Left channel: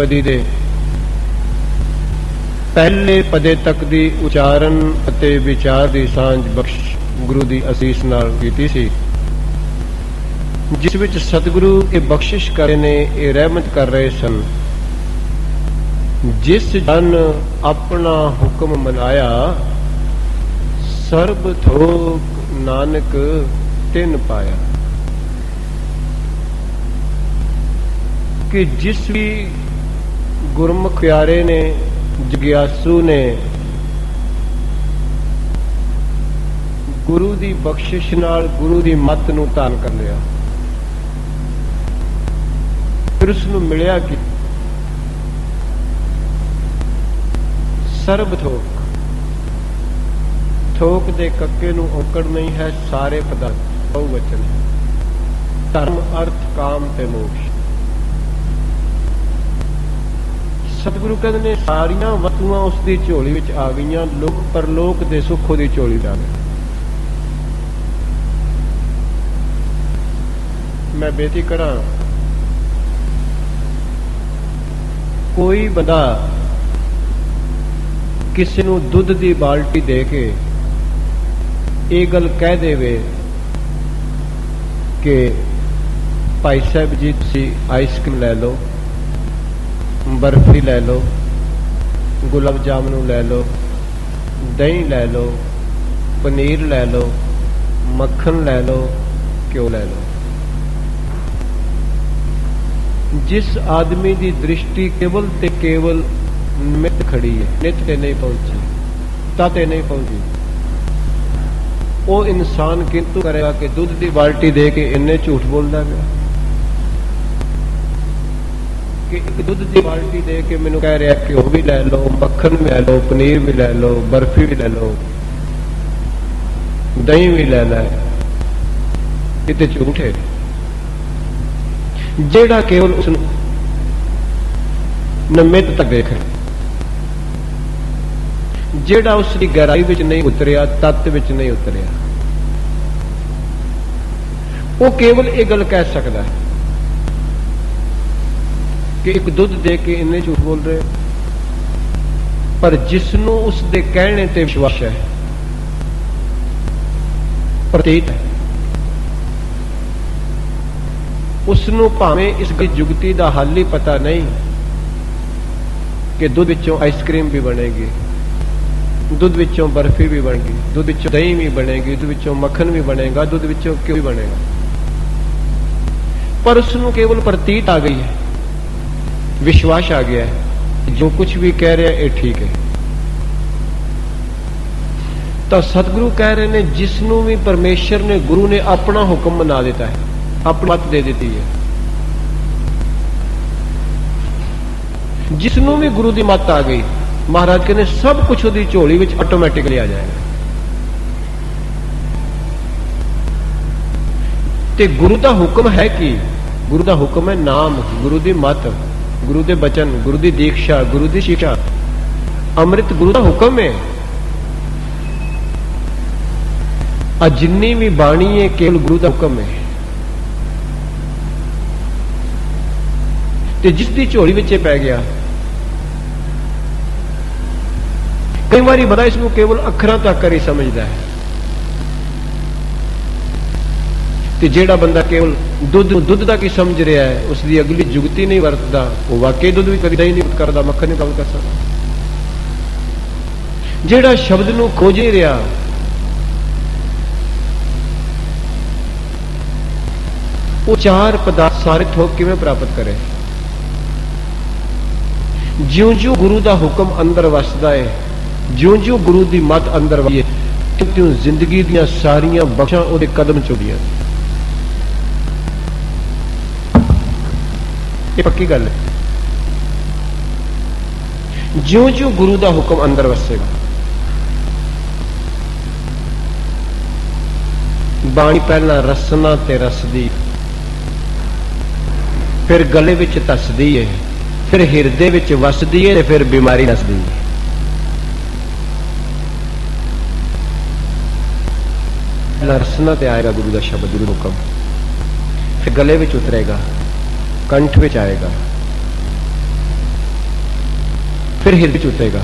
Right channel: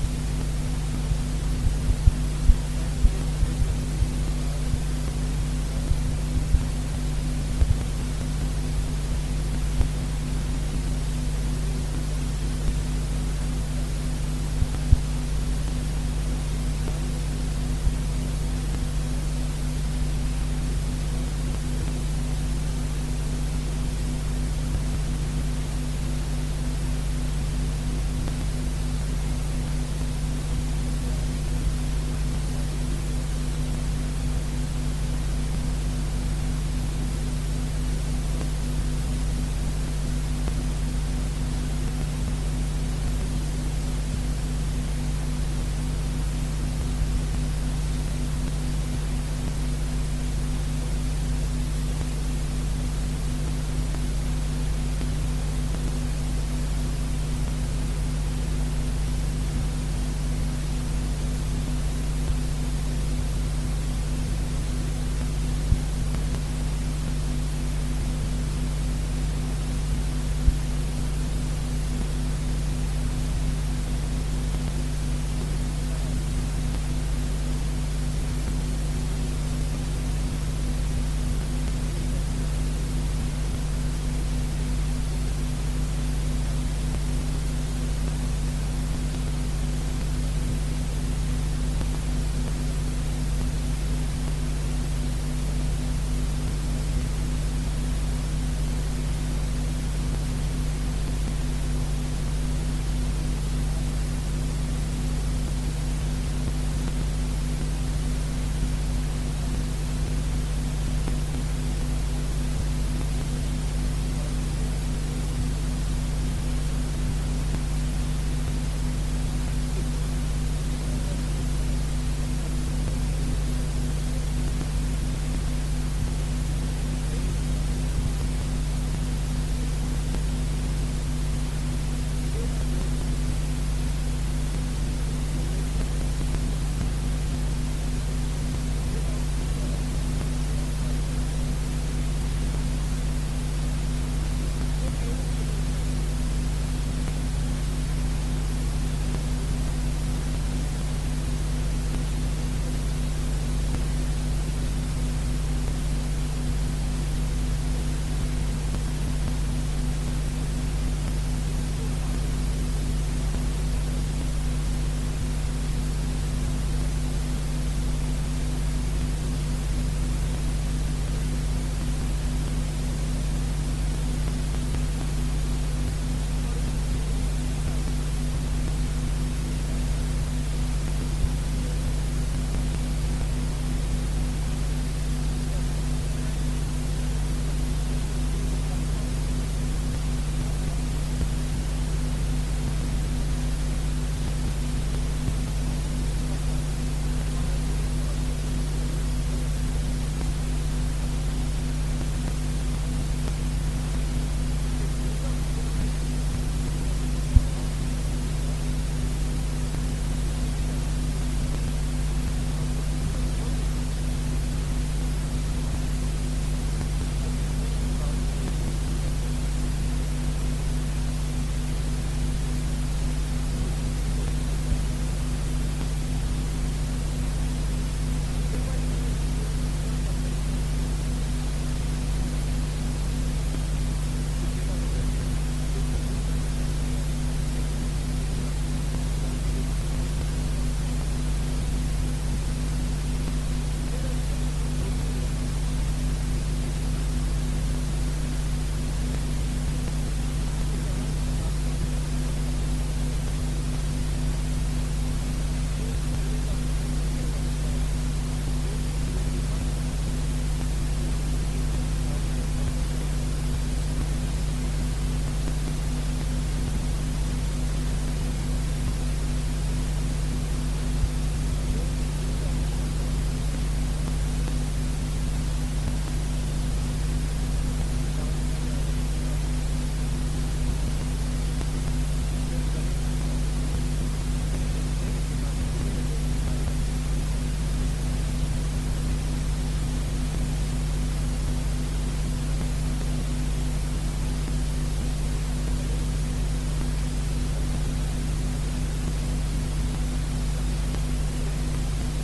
अष्टपदी दे पहले पदे तक दी उचारण अते विचार दी सांझ बख्श गुरु दी असीस नाल कीती सी, जिस विच सतगुरु ये बख्शिश करे ने, ये रहमत कर रहे सन। जिस जन अपना हुक्म मनाया, सर्ब थोक नानक तिन पाया। कि जिस भी गुरमुख प्यारे ने, जिज्ञासु ने गुरु दी बख्शिश नाल गुरु दी मत नूं धारण कर लिया, फिर उसनूं मिलिया कि सर्ब थोक, थोक दे कक्के नूं औकड़ नहीं है, सारे पदार्थ बहुवचन, धर्म अर्थ काम ते मोक्ष। सतगुरु कहते ने सारिया वस्तुआं उसकी झोली विच आ गईयां, लोक परलोक दे सुख उहदी झोली डाले। मैं बेनती करा, कोई बंदा किसी नूं दुध दी बाल्टी दे के ये गल कह देवे कि भाई साहब जी तुसीं आइसक्रीम लै लो, बर्फी लै लो, गुलाब जामुन लै लो, दही लै लो, पनीर लै लो, मक्खन लै लो, घ्यो लै लो। जिस आदमी की दृष्टि केवल ते केवल निमित खड़ी है, नित ते नहीं पहुंची, ताते नहीं पहुंची, वो इंसान किंतु करेगा कि दुध की बाल्टी दे के इन्ने झूठ बोलता गया कि एक दुध की बाल्टी दे के मैनू कह रहा घ्यो भी लै लो, मक्खन भी लै लो, पनीर भी लै लो, बर्फी भी लै लो, दही भी लै लै, ये झूठ है। जेड़ा केवल उस निमित तक देख, जेड़ा उसकी गहराई विच नहीं उतरिया, तत्व विच नहीं उतरिया, वो केवल ये गल कह सकता है कि एक दुध दे के इन्ने झूठ बोल रहे, पर जिसनों उसके कहने ते विश्वास है, प्रतीत है, उसनों भावें इस जुगती का हल ही पता नहीं कि दुध विचों आइसक्रीम भी बनेगी, दुध विचों बर्फी भी बनेगी, दुध विचों दही भी बनेगी, दुध विचों मक्खन भी बनेगा, दुध विचों घ्यो भी बनेगा, पर उसनों केवल प्रतीत आ गई है, विश्वास आ गया है, जो कुछ भी कह रहे हैं ये ठीक है। तो सतगुरु कह रहे ने, जिसनों भी परमेश्वर ने, गुरु ने अपना हुक्म बना देता है, अपनी मत दे देती है, जिसनों भी गुरु की मत आ गई, महाराज कहने सब कुछ उसकी झोली में ऑटोमैटिकली आ जाएगा। ते गुरु का हुक्म है कि गुरु का हुक्म है नाम, गुरु की मत, गुरु के बचन, गुरु की दीक्षा, गुरु की शिक्षा, अमृत गुरु का हुक्म है। आ जिन्नी भी बाणी है केवल गुरु का हुक्म है। ते जिसकी झोली विच पै गया, कई बार बड़ा इसको केवल अखरां तक कर ही समझता है, ते जेड़ा बंदा केवल दुध तक ही समझ रहा है, उसकी अगली जुगती नहीं वरतता, वो वाकई दुध भी कभी ही नहीं करता, मक्खन नहीं कम कर सकता। जेड़ा शब्द नूं खोज ही रहा, वो चार पदार्थ सारे थोक किवें प्राप्त करे। ज्यों ज्यों गुरु का हुक्म अंदर वसदा है, ज्यों ज्यों गुरु की मत अंदर वसदी है, त्यों जिंदगी दियां सारियां बख्शां उहदे कदम चुभदियां। ये पक्की गल है। ज्यों ज्यों गुरु का हुक्म अंदर वसेगा, बाणी पहला रसना ते रसदी, फिर गले विच धसदी है, फिर हिरदे विच वसदी है, फिर बीमारी नसदी है। रसना ते आएगा गुरु का शब्द, गुरु हुक्म, फिर गले विच उतरेगा, कंठ विच आएगा, फिर हृदय च उतरेगा।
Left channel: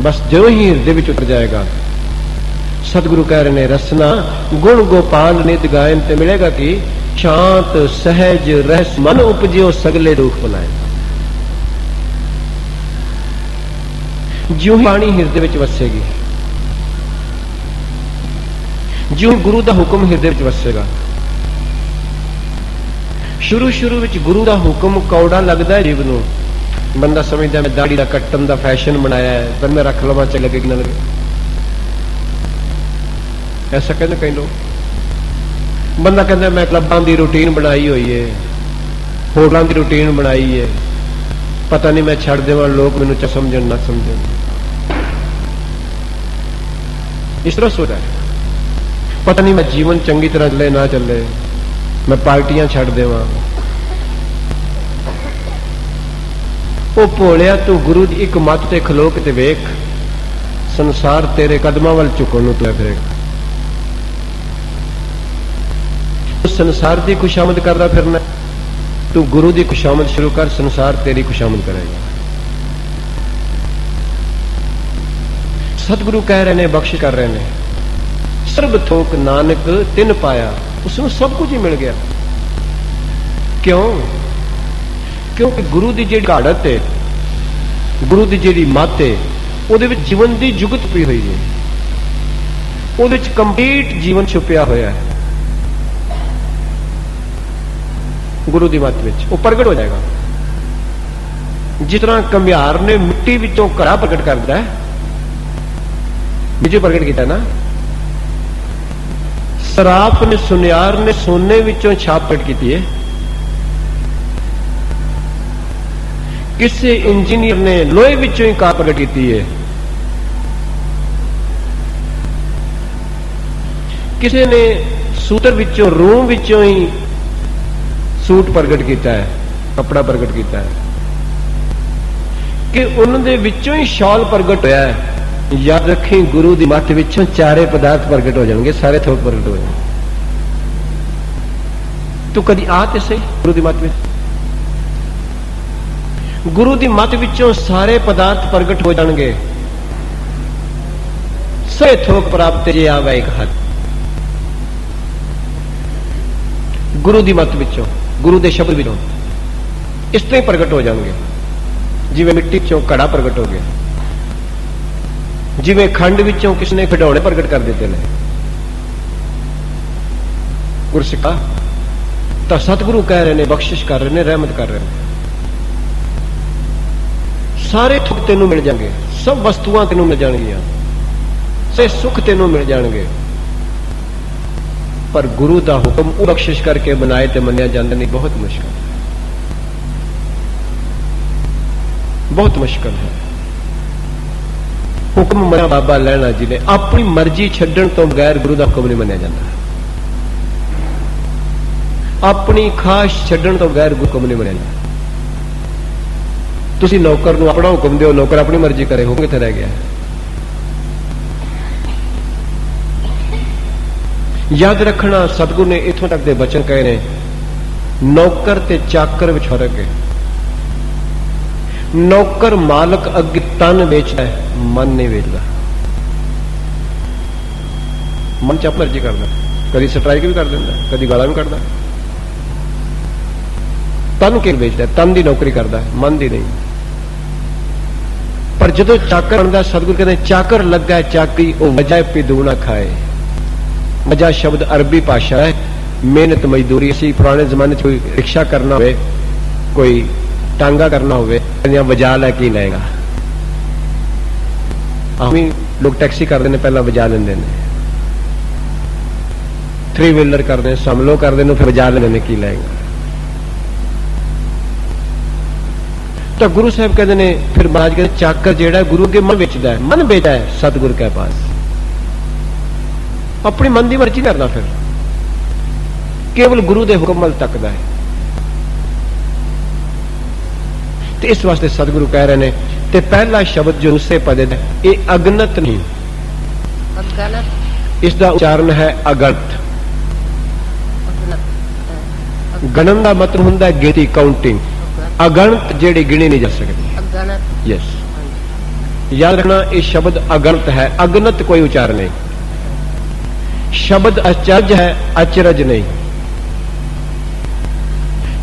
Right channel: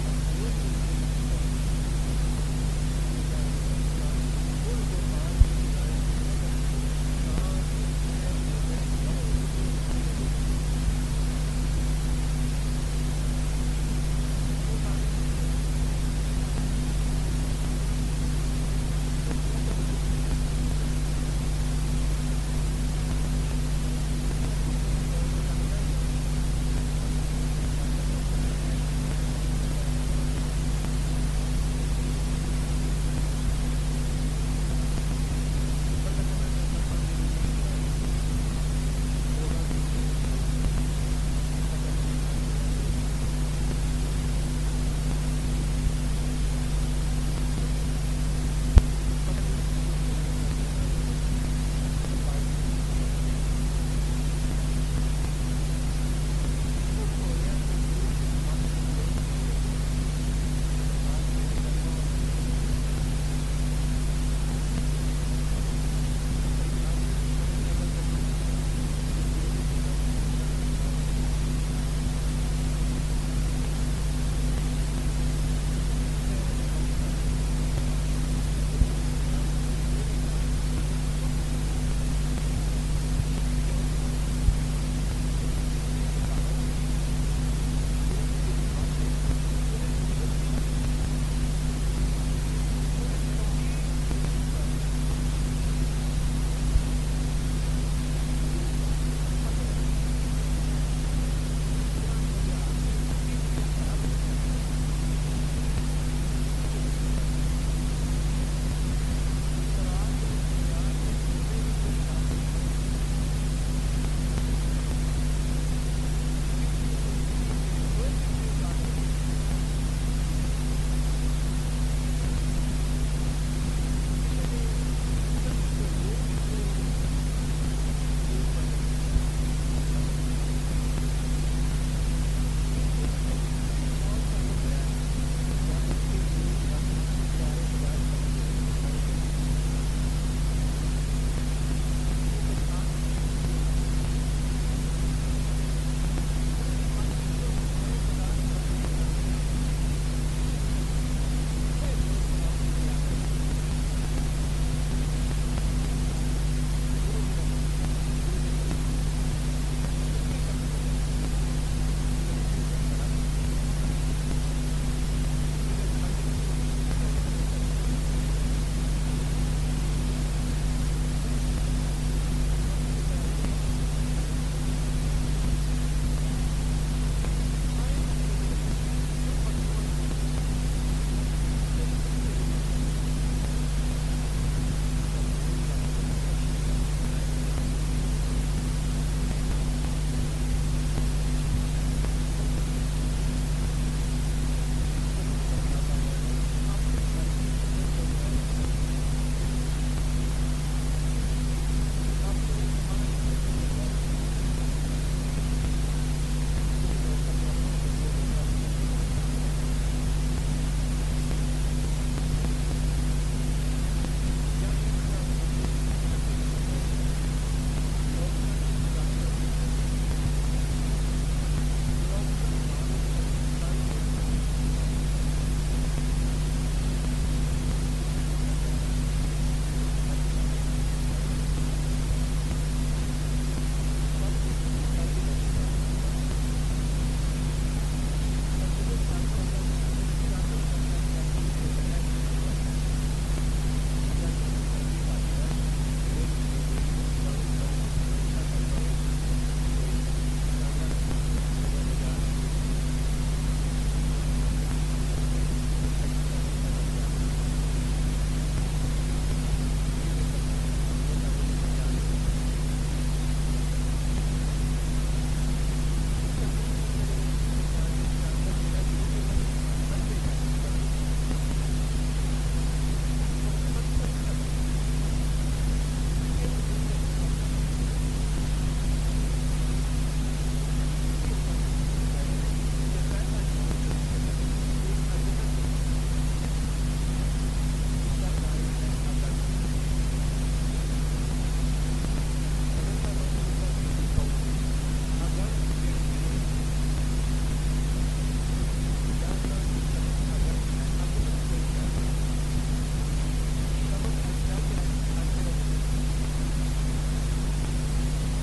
बस जो ही हृदय में उतर जाएगा, सतगुरु कह रहे ने रसना गुण गोपाल नित गायन ते मिलेगा कि शांत सहज रहस मन उपजियो सगले दुख बनाए। ज्यों ही बाणी हृदय में वसेगी, ज्यों गुरु का हुक्म हृदय में वसेगा। शुरू शुरू में गुरु का हुक्म कौड़ा लगता है जीव नूं, बंदा समझदा मैं दाढ़ी का कट्टन का फैशन बनाया है, पर मैं रख लवां चाहे लगे ना लगे, ऐसा कहते कई लोग। बंदा कहता मैं क्लबां की रूटीन बनाई हुई है, होटलों की रूटीन बनाई है, पता नहीं मैं छड़ देवां लोग मैनूं समझण ना समझण, इस तरह सोचा है। पता नहीं मैं जीवन चंगी तरह चले ना चले, मैं पार्टियां छड़ देवां। ओ भोलिया तू गुरु की एक मत ते खलो के ते वेख, संसार तेरे कदमां वल झुकण नूं तुरिया फिरेगा। संसार की खुशामद करदा फिरना, तू गुरु की खुशामद शुरू कर, संसार तेरी खुशामद करेगा। सतगुरु कह रहे ने, बख्शिश कर रहे ने, सर्ब थोक नानक तिन पाया, उसमें सब कुछ ही मिल गया। क्यों? क्योंकि गुरु की जी घाड़त है, गुरु की जी मत है, वो जीवन की जुगत पी हुई है, वो कंप्लीट जीवन छुपिया होया है। गुरु की मत में वो प्रगट हो जाएगा। जिस तरह कंबियार ने मिट्टी विचों घड़ा प्रगट करता है, बीजो प्रगट किया ना, सराप ने सुनियार ने सोने विचों छाप प्रगट की है, किसी इंजीनियर ने लोहे विचों ही कार प्रगट की है, किसी ने सूतर विचों रूम विचों ही सूट प्रगट किया है, कपड़ा प्रगट किया है, कि उन्होंने विचों ही शॉल प्रगट होया है। याद रखी, गुरु की मत विचों चारे पदार्थ प्रगट हो जाएंगे, सारे थोक प्रगट हो जाएंगे। तू कदी आ ते सही गुरु की मत में, गुरु की मत विचों सारे पदार्थ प्रगट हो जाएंगे, सारे थोक प्राप्त जे आवे एक हाथ। गुरु की मत विचों, गुरु के शब्द विचों इस तरह प्रगट हो जाएंगे, जिवें मिट्टी चों घड़ा प्रगट हो गया, जिवें खंड विचों किसने खिडौने प्रगट कर देते हैं। गुरसिखा तो सतगुरु कह रहे ने, बख्शिश कर रहे ने, रहमत कर रहे हैं, सारे सुख तेनों मिल जाएंगे, सब वस्तुआं तेनों मिल जाएंगियां, से सुख तेनों मिल जाएंगे। पर गुरु का हुक्म बख्शिश करके बनाए तो मनिया जाता नहीं, बहुत मुश्किल, बहुत मुश्किल है। हुक्म मना बाबा लैना जी ने, अपनी मर्जी छड्डण तो बगैर गुरु का हुक्म नहीं मनिया जाता, अपनी खाश छड्डण तो बगैर गुरु हुक्म नहीं मनिया जाता। तुसी नौकर नूं अपना हुक्म दिओ, नौकर अपनी मर्जी करे, हुक्म कित्थे रह गया? याद रखना, सतगुरु ने इथों तक के बचन कहे ने, नौकर ते चाकर विच फर्क है। नौकर मालक अगे तन बेचता है, मन नहीं बेचता। मन च मर्जी करता, कभी स्ट्राइक भी कर देता, कभी गाला भी करता। तन के बेचता है, तन की नौकरी करता है, मन की नहीं। पर जो चाकर बनता, सतगुरु कहते चाकर लगा है चाकरी, वो वजह पिदू ना खाए। वजह शब्द अरबी भाषा है, मेहनत मजदूरी। असी पुराने जमाने कोई रिक्शा करना हो, कोई टांगा करना हो, वजा लैके ही लेगा। हम लोग टैक्सी करते हैं, पहला वजा लेंगे, 3 व्हीलर करते हैं, समलो करते हैं, फिर वजा लेने की लेगा। तो गुरु साहब कहते हैं, फिर महाराज कहते चाकर जेड़ा गुरु के मन बेचता है, मन बेचा है सतगुरु के पास, अपनी मन की मर्जी करना, फिर केवल गुरु के हुक्म वल तकदा है। तो इस वास्ते सतगुरु कह रहे हैं, ते पहला शब्द जो उससे पदे है, ये अगनत नहीं, इसका उच्चारण है अगणत। गणन का मतलब होता है गिनती, काउंटिंग। अगणत जेड़ी गिनी नहीं जा सकती। यस, याद रखना, ये शब्द अगणित है, अगणित कोई उच्चारण नहीं। शब्द अचरज है, अचरज नहीं।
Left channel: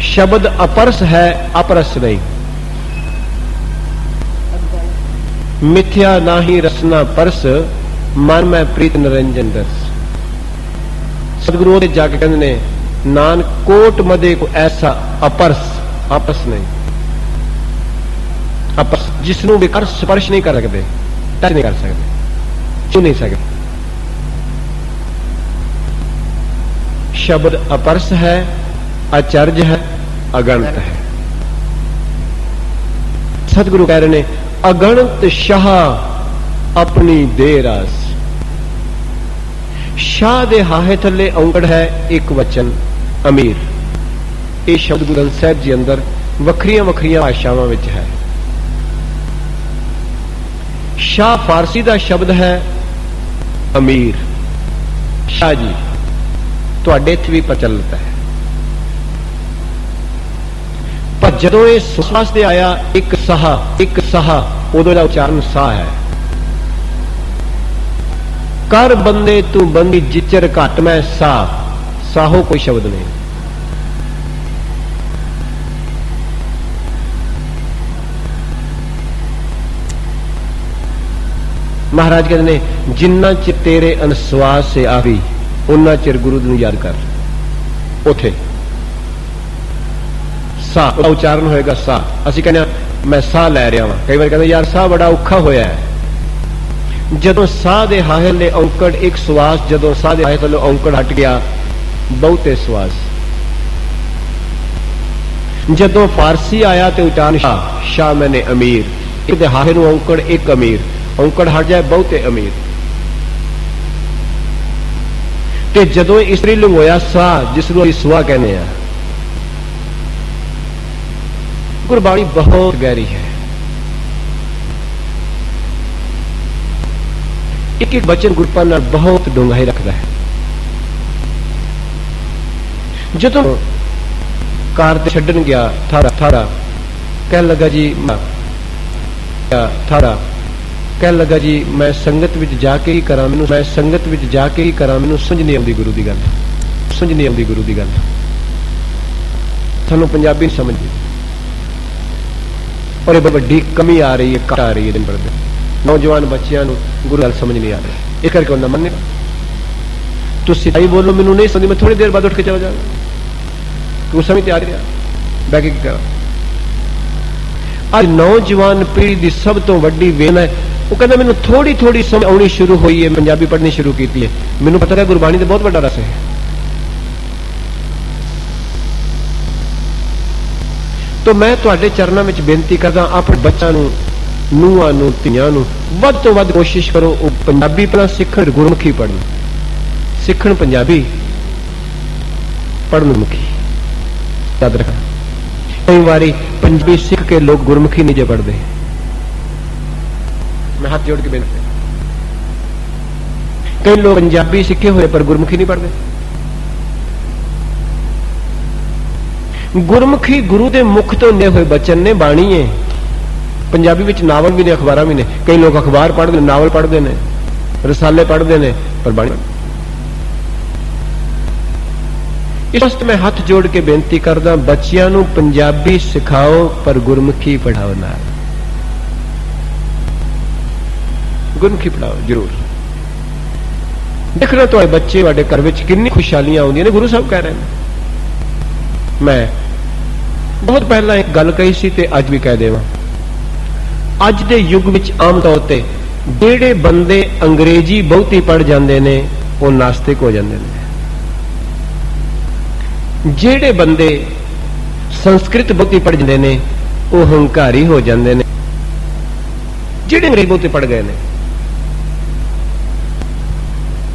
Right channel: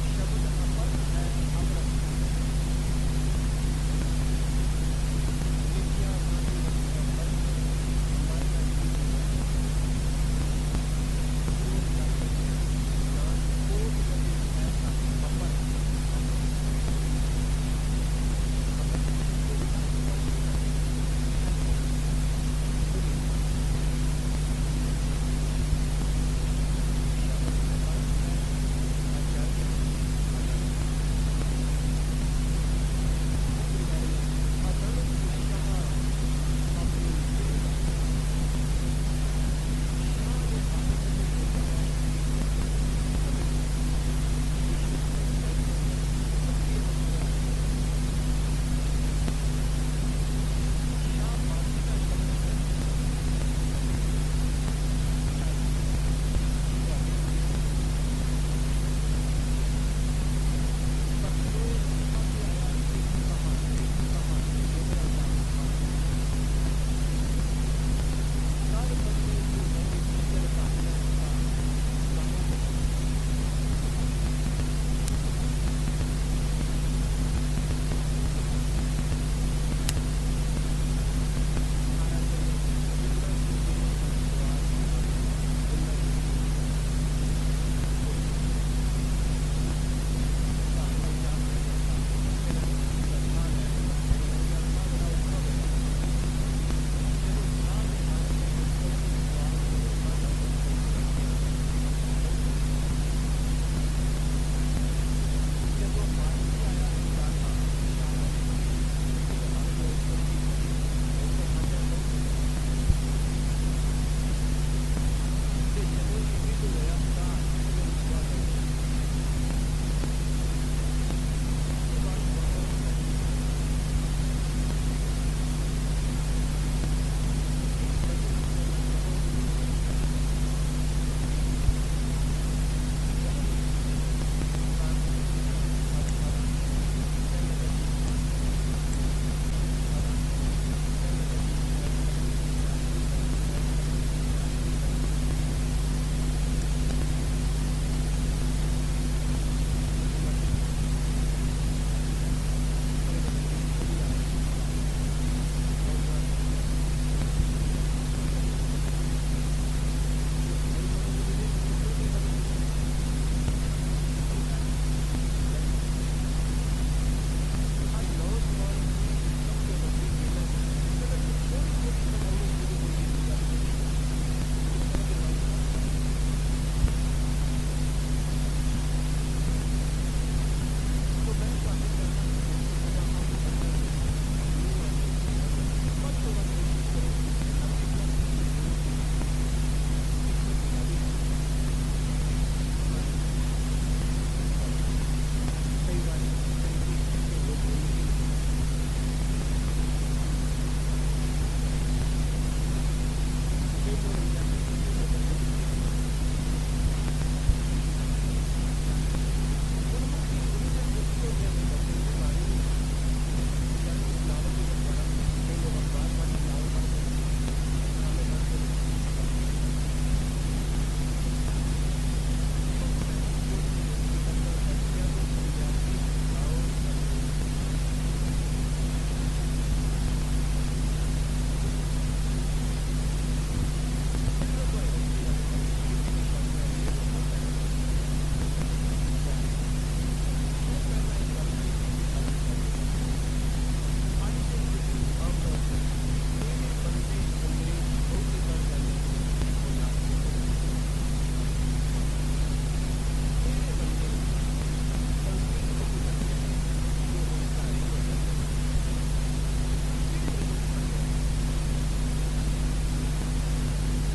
शब्द अपरस है, अपरस नहीं। मिथ्या नाही रसना परस, मन में प्रीत निरंजन दस। सदगुरु ने जाके कहते ने, नानक कोट मदे को ऐसा अपरस, अपरस नहीं, अपरस जिसनों भी कर स्पर्श नहीं कर सकते, टच नहीं कर सकते, छू नहीं सकते। शब्द अपरस है, अचर्ज है, अगणित है। सतगुरु कह रहे ने, अगणित शाह अपनी दे रास। शाह दे हाहे थले औंकड़ है एक वचन अमीर। ये शब्द गुरु ग्रंथ साहिब जी अंदर वखरियां वखरियां भाषावां विच है। शाह फारसी का शब्द है अमीर। शाह जी तुहाडे इत्थे भी प्रचलित है, पर जदों ये सुसास दे आया एक साह, उदों दा उच्चारण सा है। कर बंदे तू बंदी जिचर घट मैं सा, साहो कोई शब्द नहीं। महाराज कहते ने, जिन्ना चिर तेरे अनसवास से आवी उन्ना चिर गुरु नूं याद कर। उथे सा उच्चारण होएगा सा। असीं कहने मैं साह लै रहा वां, कई बार कहते यार साह बड़ा औखा होया है। जदों साह दे हाहे ले औंकड़ एक सवास, जदों साह दे हाहे थल्लों औंकड़ हट गया बहुते सवास। जदों फारसी आया तो उच्चारण शाह, शाह मैंने अमीर। एक दे हाहे नूं औंकड़ एक अमीर, औंकड़ हट जाए बहुते अमीर। ते जदों इस्त्री लिंग होया सा, जिसनूं असीं सुआ कहने आ। गुरबाणी बहुत गहरी है, एक एक वचन गुरपाल नाल बहुत डूंघाई रखता है। जदों कार ते छड्डन गया थारा कह लगा जी, थारा कह लगा जी मैं संगत विच जाके ही करा, मैनूं मैं संगत विच जाके ही करा, मैनूं समझ नहीं आउंदी गुरु दी गल, समझ नहीं आउंदी गुरु दी गल। सानूं पंजाबी नहीं समझदी और ये बड़ी कमी आ रही है, घट आ रही है दिन पर दिन। नौजवान बच्चों को गुरु गल समझ नहीं आ रही, इस करके उन्हें मन्ने तो सिधाई बोलो, मैनूं नहीं समझ, मैं थोड़ी देर बाद उठ के चला जाऊंगा, तू समझ तैयार रहा बैठ के करा। अज नौजवान पीढ़ी की सब तो वड्डी वेन है, वो कहता मैनूं थोड़ी थोड़ी समझ आनी शुरू हुई है, पंजाबी पढ़नी शुरू की है, मैनूं पता है गुरबाणी का बहुत बड़ा रस है। तो मैं तुहाडे चरणों में बेनती करदा, अपने बच्चों नूं, ਨੂੰਹਾਂ ਨੂੰ, ਧੀਆਂ ਨੂੰ ਵੱਧ ਤੋਂ ਵੱਧ कोशिश करो ਉਹ पंजाबी ਪਹਿਲਾਂ ਸਿੱਖਣ, ਗੁਰਮੁਖੀ ਪੜ੍ਹਨ, ਸਿੱਖਣ ਪੰਜਾਬੀ, ਪੜ੍ਹਨ ਮੁਖੀ। याद रखना, कई बारी पंजाबी सीख के लोग गुरमुखी नहीं जे पढ़ते। मैं हाथ जोड़ के बेनती, कई लोग पंजाबी सीखे हुए पर गुरमुखी नहीं पढ़ते। गुरमुखी गुरु के मुख तो ने हुए बचन ने, बाणी है। पंजाबी विच नावल भी ने, अखबार भी ने, कई लोग अखबार पढ़ते, नावल पढ़ते हैं, रसाले पढ़ते हैं, पर बाणी। इस वास्ते मैं हाथ जोड़ के बेनती करदा, बच्चियां नूं पंजाबी सिखाओ पर गुरमुखी पढ़ाओ नाल, गुरमुखी पढ़ाओ जरूर। देखना तुहाडे बच्चे तुहाडे घर विच कितनी खुशहालियां आउंदियां ने। गुरु साहब कह रहे हैं, मैं बहुत पहला एक गल कही सी ते अज भी कह देवां, अज दे युग विच आम तौर ते जेड़े बंदे अंग्रेजी बहुती पढ़ जांदे ने वो नास्तिक हो जांदे ने, जेड़े बंदे संस्कृत बहुती पढ़ जांदे ने वो हंकारी हो जांदे ने, जेड़े अंग्रेजी बहुती पढ़ गए ने।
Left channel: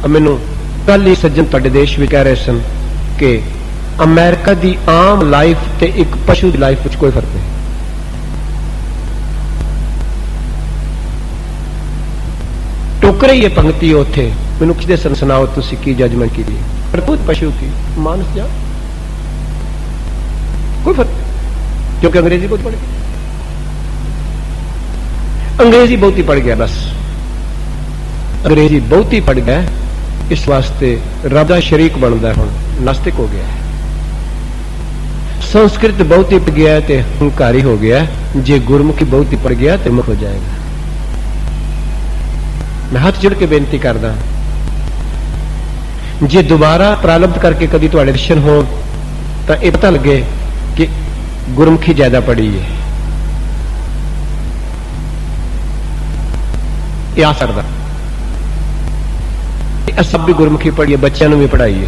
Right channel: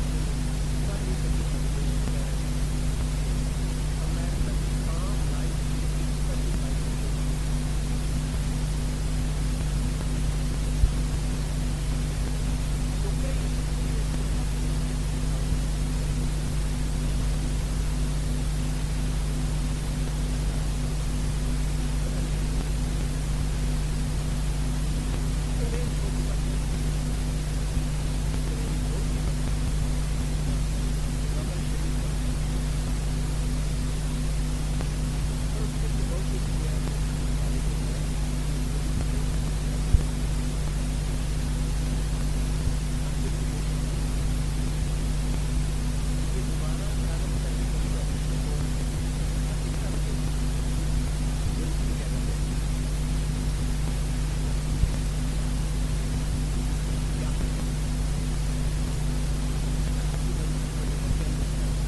मैनूं कल ही सज्जन तुहाडे देश भी कह रहे सन कि अमेरिका की आम लाइफ ते एक पशु की लाइफ में कोई फर्क नहीं। टोक रही है पंक्ति उत्थे, मैनूं किसी सन सुनाओ तुसीं की जजमेंट की, प्रभुत पशु की मानस जा कोई फर्क, क्योंकि अंग्रेजी बहुत पढ़े। अंग्रेजी बहुती पढ़ गया, बस अंग्रेजी बहुती पढ़ गया, इस वास्ते रब दा शरीक बनता है, हुण नास्तिक हो गया है। संस्कृत बहुती पढ़ गया तो हंकारी हो गया, जे गुरमुखी बहुती पढ़ गया तो मुख हो जाएगा। मैं हाथ जोड़ के बेनती करदा, जे दोबारा प्रारंभ करके कभी तुहाडे दर्शन हो तो यह पता लगे कि गुरमुखी ज्यादा पढ़ी है। यह आ सकदा सब भी गुरमुखी पढ़िए, बच्चों भी पढ़ाइए।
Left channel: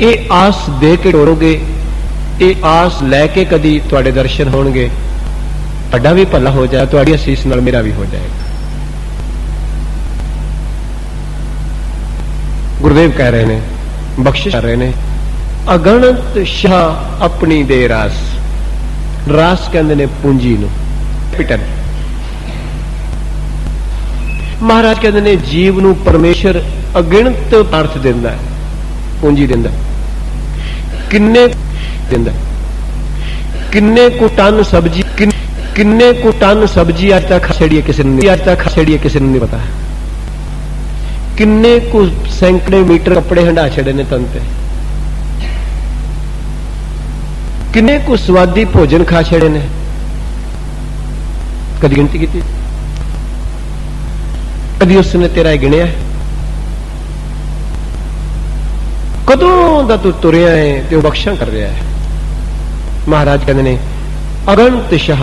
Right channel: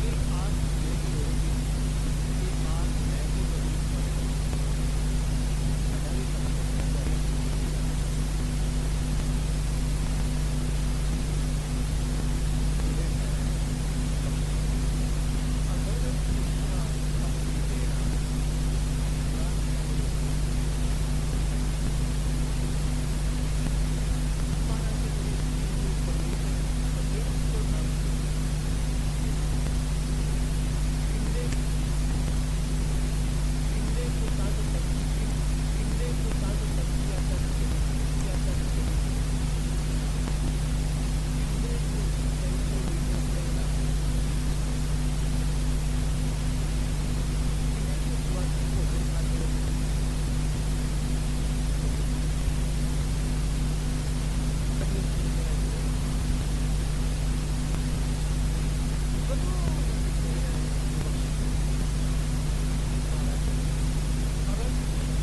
ये आस दे के डोरोगे, ये आस लैके कदी तुहाडे दर्शन होणगे, तुहाडा भी भला हो जाए, तुहाडी असीस नाल मेरा भी हो जाएगा। गुरुदेव कह रहे ने, बख्शिश कर रहे ने, अगणत शाह अपनी दे रास। रास कहंदे ने पूंजी नूं, कैपिटल। महाराज कहते ने जीव नूं परमेश्वर अगिणत अर्थ दिंदा है, पूंजी दिंदा, किन्ने दिंदा, किन्ने को टन सब्जी, किन्ने को टन सब्जी अज तक छड़ी किसी ने, अज तक छड़ी किसी ने नहीं पता। किन्ने को सैकड़े मीटर कपड़े हंडा छड़े ने तन ते, किन्ने को स्वादी भोजन खा छड़े ने, कदी गिनती की? कदी उसने तेरा गिणिया? कदों दा तू तुरिया है ते बख्शा कर रहा है। महाराज कहते ने अगणत शाह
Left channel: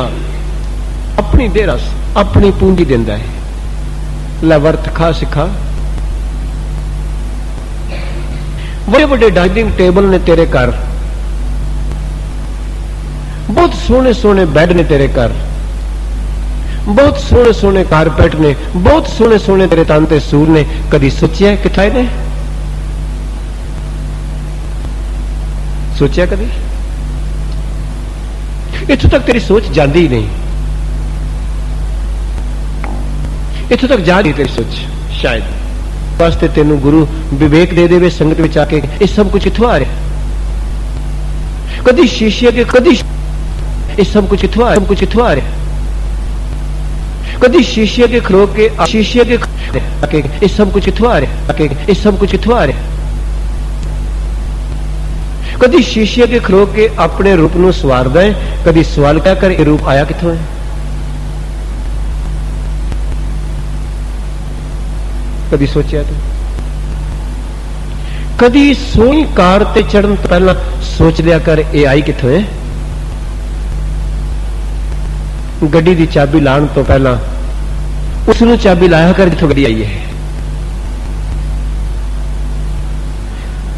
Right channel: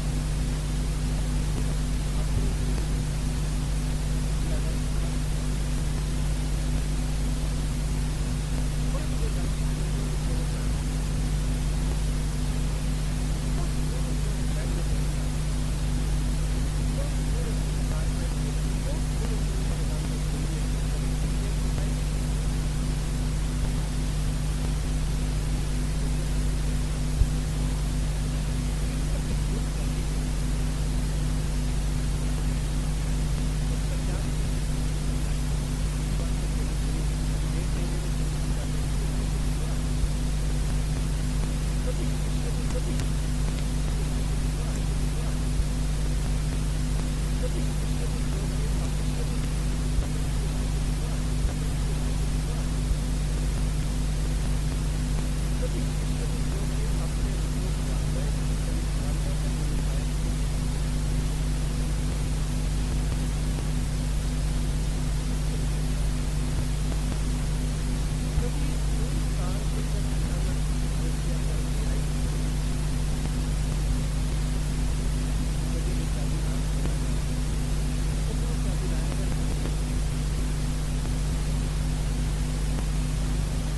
अपनी दे रस, अपनी पूंजी दिंदा है। लै वर्त खा सिखा, बड़े बड़े डाइनिंग टेबल ने तेरे घर, बहुत सोहने सोहने बैड ने तेरे घर, बहुत सोहने सोहने कारपेट ने, बहुत सोहने सोहने तेरे तन ते सूर ने। कदी सोचिया किथे ने? सोचिया कदी? इथों तक तेरी सोच जाती ही नहीं, इथों तक जा रही तेरी सोच। शायद वास्ते तेनू गुरु विवेक दे देवे संगत में आके, ये सब कुछ किथों आ रहा? कदी शीशे के, कदी ये सब कुछ किथों आ, सब कुछ किथों आ रहा? कदी शीशे के खलो के, शीशे के आके ये सब कुछ किथों आ रहा? ये सब कुछ किथों आ रहा? कदी शीशे के खलो के अपने रूप नूं सवारदा है, कदी सवाल क्या कर, ये रूप आया किथों है? कदी सोचा तू? कदी सोहनी कार ते चढ़न तो पहला सोच लिया कर, ये आई किथों है? गड्डी दी चाबी लाण तो पहला उसनूं चाबी लाया कर जिथों गड्डी आई है।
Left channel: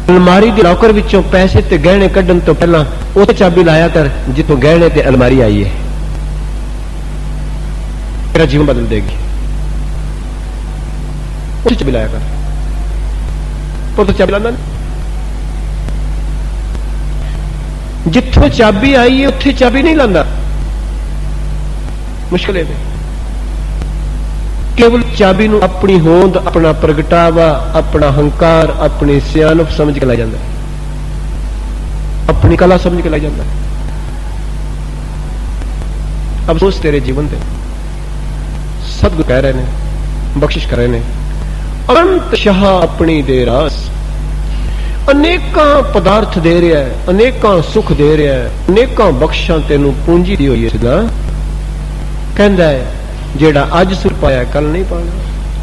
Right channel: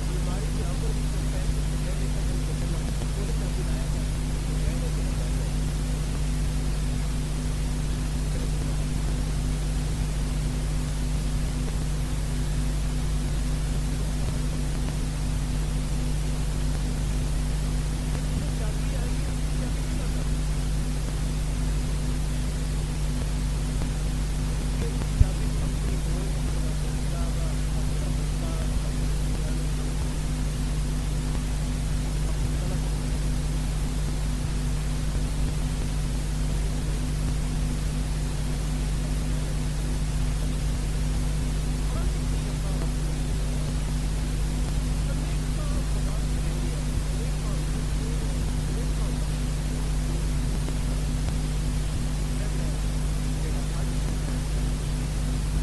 अलमारी दे लॉकर विचों पैसे ते गहने कढ़न तो पहला उत्थे चाबी लाया कर जिथों गहने ते अलमारी आई है। तेरा जीवन बदल देगी। उत्थे चाबी लाया कर, पर तो चाबी लाना जिथों चाबी आई है उत्थे चाबी नहीं लांदा, मुश्किल है। केवल चाबी नूं अपनी होंद, अपना प्रगटावा, अपना हंकार, अपनी सियानप समझ के ला जाता, अपनी कला समझ के ला जाता। अफसोस तेरे जीवन पे सतगुरु कह रहे ने, बख्शिश कर रहे ने, अनंत शाह अपनी दे रास। अनेकां पदार्थ दे रहा है, अनेकां सुख दे रहा है, अनेकां बख्शां तेनू पूंजी दी हुई है। कहता है जेड़ा अज सुर पाया कल नहीं पाना,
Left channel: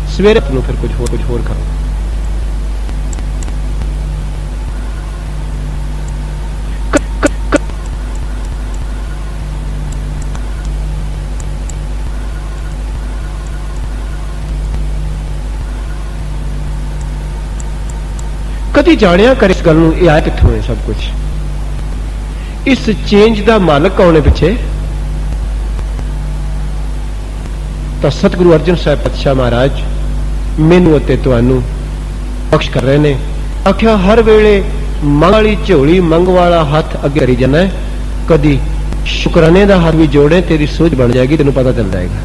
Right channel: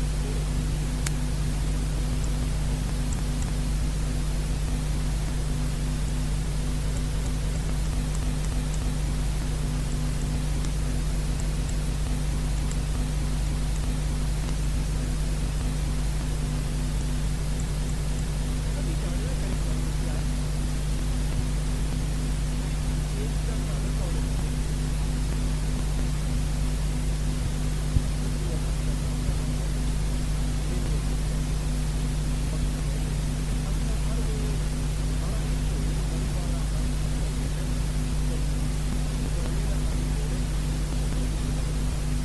सवेरे फिर कुछ होर करो। कदी जानिया कर इस गल नूं, ये आया कित्थों है सब कुछ? इस चेंज का मालक कौन है पिछे? तो सतगुरु अर्जन साहब पातशाह महाराज मैनू अते तुहानू बख्श कर रहे ने। आख्या हर वेले मंग वाली झोली, मंग वाला हाथ अगे करी जाना है, कदी शुकराने का हाथ भी जोड़े, तेरी सोच बन जाएगी, तेनू पता चल जाएगा।